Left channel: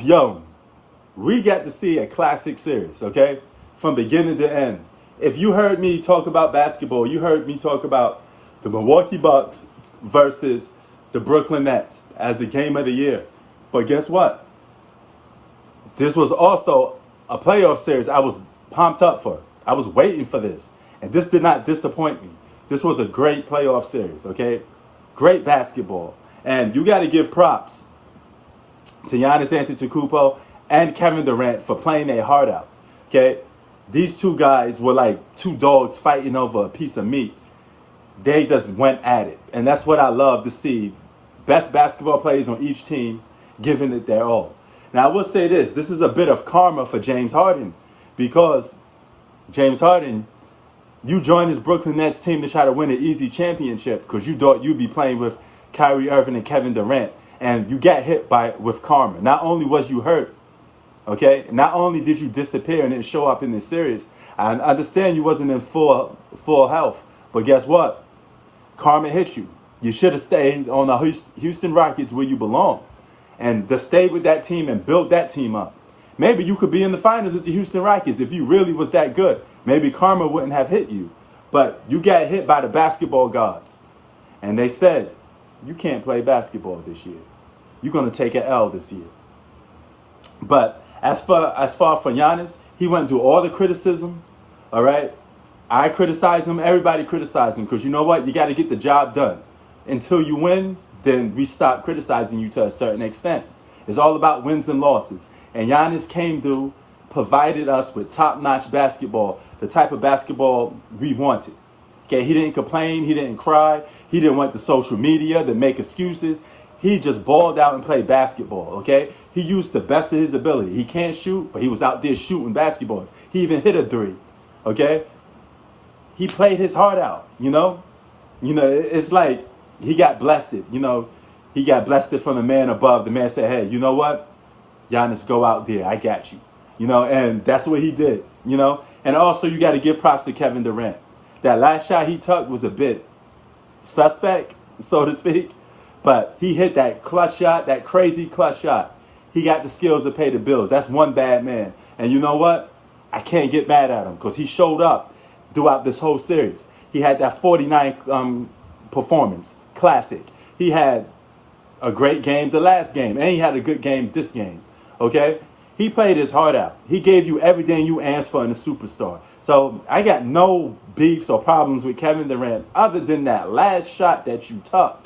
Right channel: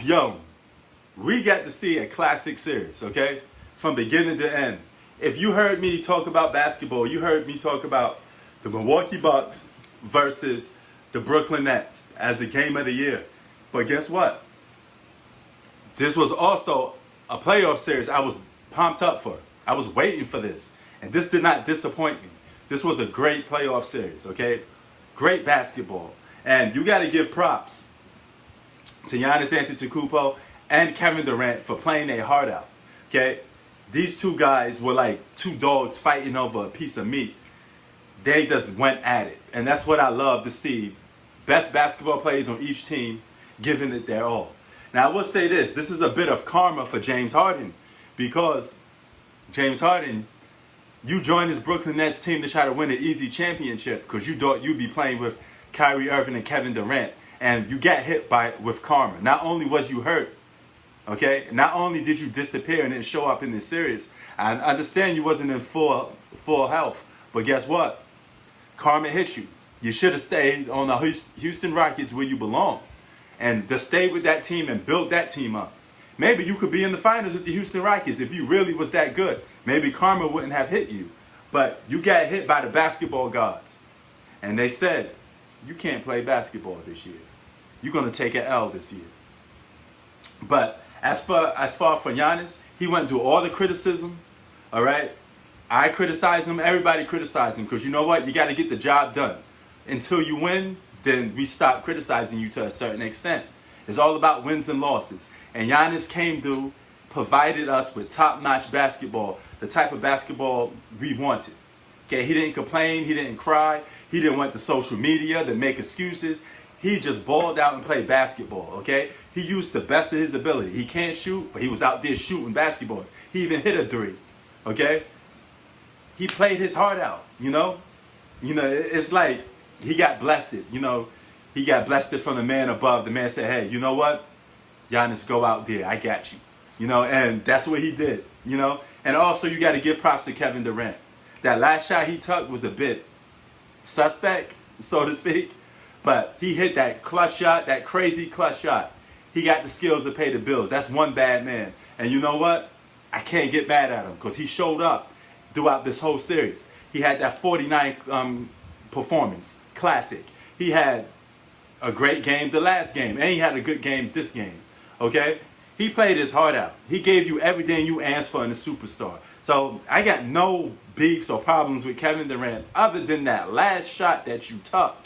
yo, we got to see a classic series, okay? From beginning to end. If you heard me talk about basketball, you heard me talk about the Milwaukee Bucks versus the Brooklyn Nets as the game of the year. But guess what? This was also a playoff series I was pumped up for. I was waiting for this. And this did not disappoint me. This was a great playoff series, okay? Great basketball. And you got to give props to Giannis Antetokounmpo and Kevin Durant for playing their heart out, okay? These two guys were like two dogs fighting over a piece of meat. They just went at it. And that's what I love to see. Best basketball players on each team giving it their all. Now, I will say this is a bit of karma for James Harden, because James Harden, you joined this Brooklyn Nets team to try to win an easy championship because you thought you'd be playing with Kyrie Irving and Kevin Durant, and you got hit with karma. Not only was you hurt, okay, not only did you disappear and didn't show up in this series, I understand you wasn't in full health, but guess what? Karma hit you. You should have stayed on the Houston Rockets where you belong, and to stay with that team and build that team up. Maybe you could be in the finals with the Houston Rockets if you really was that good. Maybe karma wouldn't have hit you. But you got hit by the basketball gods. And they said, you can't play basketball this year. You're going to take an L this year. But as far for Giannis, he went through all the criticism. All right? I criticize him. Everybody criticized him. Because you know what? You got to get the job done. Until you win, then we stop criticizing you to a certain extent. It's all about wins and losses. And Giannis came through, provided us with top-notch basketball, the type of basketball we wanted. Okay, he didn't complain, he didn't cry, he didn't want the social media to make excuses. He just balled out and played basketball, okay? He used the best of his ability. He can't shoot, but he was out there shooting basketballs. He even hit a three, okay? He played his heart out, you know? It's like he got blessed, He got blessed from the man above. The man said, hey, you know what? Giannis, go out there. I got you. And that's what he did, And also, you got to give props to Kevin Durant. That last shot he took was a bit suspect, so to speak. But he hit that clutch shot, that crazy clutch shot. He got the skills to pay the bills. That's one bad man. And you know what? I can't get mad at him because he showed up throughout this whole series. He had that 49 performance, classic. He had a great game the last game, and he had a good game this game. Okay? He played his heart out. He gave you everything you asked for in a superstar. So I got no beefs or problems with Kevin Durant other than that last shot that you took.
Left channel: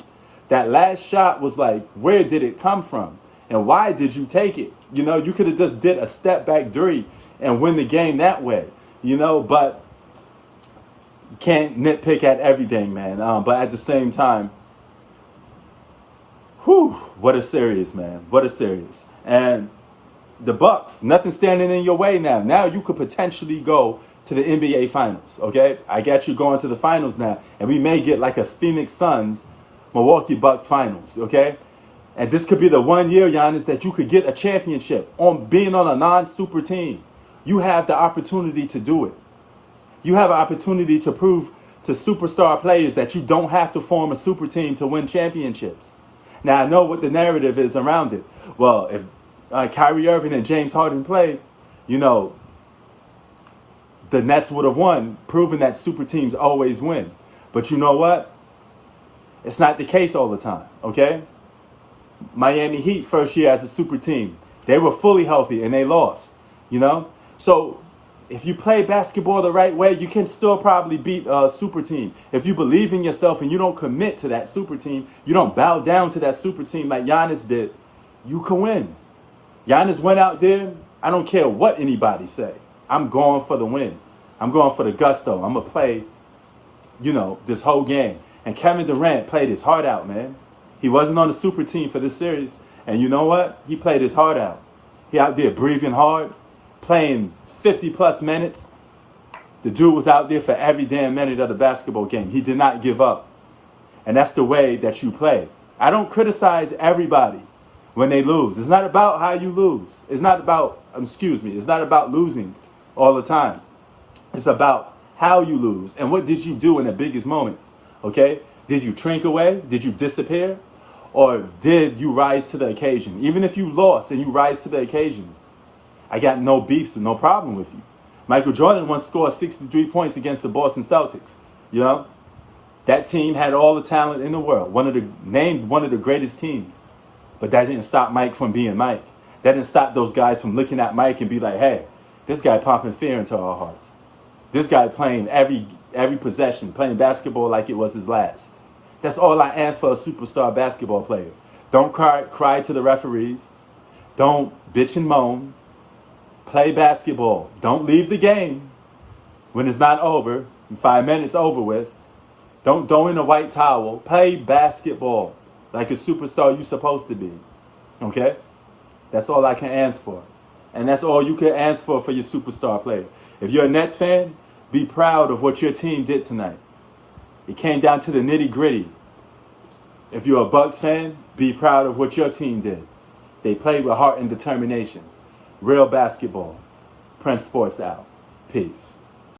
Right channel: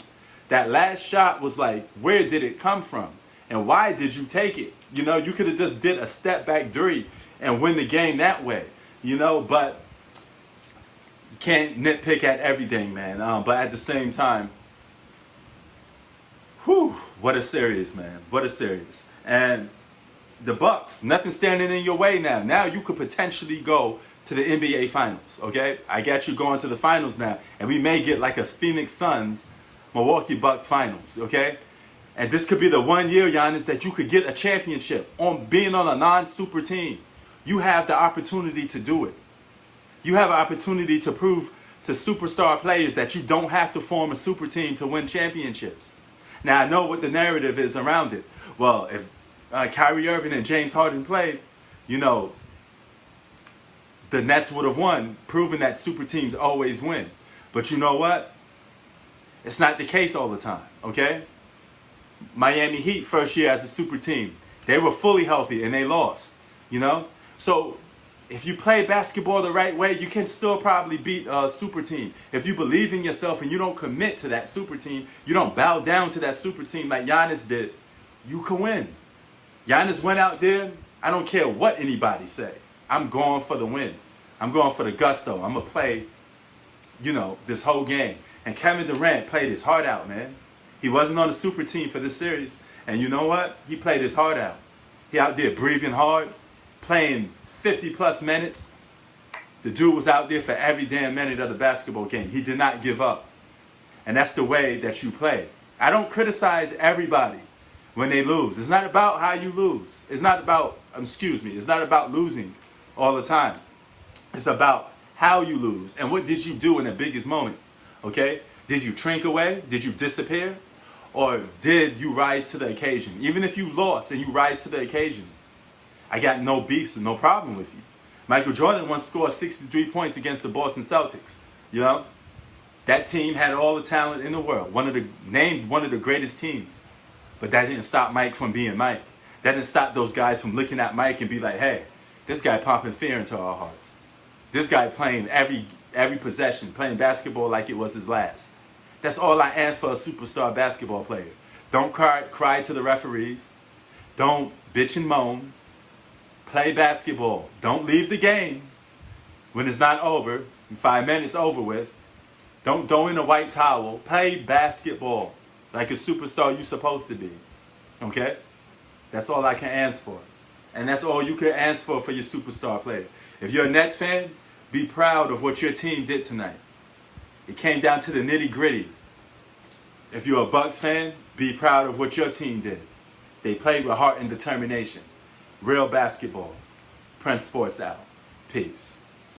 That last shot was like, where did it come from? And why did you take it? You could have just did a step back three and win the game that way. But you can't nitpick at everything, man. But at the same time, whew, what a series, man. What a series. And the Bucks, nothing standing in your way now. Now you could potentially go to the NBA Finals, okay? I got you going to the Finals now. And we may get like a Phoenix Suns, Milwaukee Bucks Finals, okay? And this could be the 1 year, Giannis, that you could get a championship on being on a non-super team. You have the opportunity to do it. You have an opportunity to prove to superstar players that you don't have to form a super team to win championships. Now, I know what the narrative is around it. Well, if Kyrie Irving and James Harden played, the Nets would have won, proving that super teams always win. But you know what? It's not the case all the time, okay? Miami Heat, first year as a super team, they were fully healthy and they lost, So if you play basketball the right way, you can still probably beat a super team. If you believe in yourself and you don't commit to that super team, you don't bow down to that super team like Giannis did, you can win. Giannis went out there, I don't care what anybody say. I'm going for the win. I'm going for the gusto. I'm going to play, this whole game. And Kevin Durant played his heart out, man. He wasn't on the super team for this series. And you know what? He played his heart out. He out there breathing hard, playing 50-plus minutes. The dude was out there for every damn minute of the basketball game. He did not give up. And that's the way that you play. I don't criticize everybody when they lose. It's not about how you lose. It's not about, it's not about losing all the time. It's about how you lose and what did you do in the biggest moments, okay? Did you shrink away? Did you disappear? Or did you rise to the occasion? Even if you lost and you rise to the occasion, I got no beefs and no problem with you. Michael Jordan once scored 63 points against the Boston Celtics. You know, that team had all the talent in the world. Named one of the greatest teams. But that didn't stop Mike from being Mike. That didn't stop those guys from looking at Mike and be like, hey, this guy pumping fear into our hearts. This guy playing every possession, playing basketball like it was his last. That's all I ask for a superstar basketball player. Don't cry to the referees. Don't bitch and moan. Play basketball. Don't leave the game when it's not over. In 5 minutes over with. Don't throw in a white towel. Play basketball like a superstar you're supposed to be. Okay? That's all I can ask for. And that's all you can ask for your superstar player. If you're a Nets fan, be proud of what your team did tonight. It came down to the nitty gritty. If you're a Bucks fan, be proud of what your team did. They played with heart and determination. Real basketball. Prince Sports out. Peace.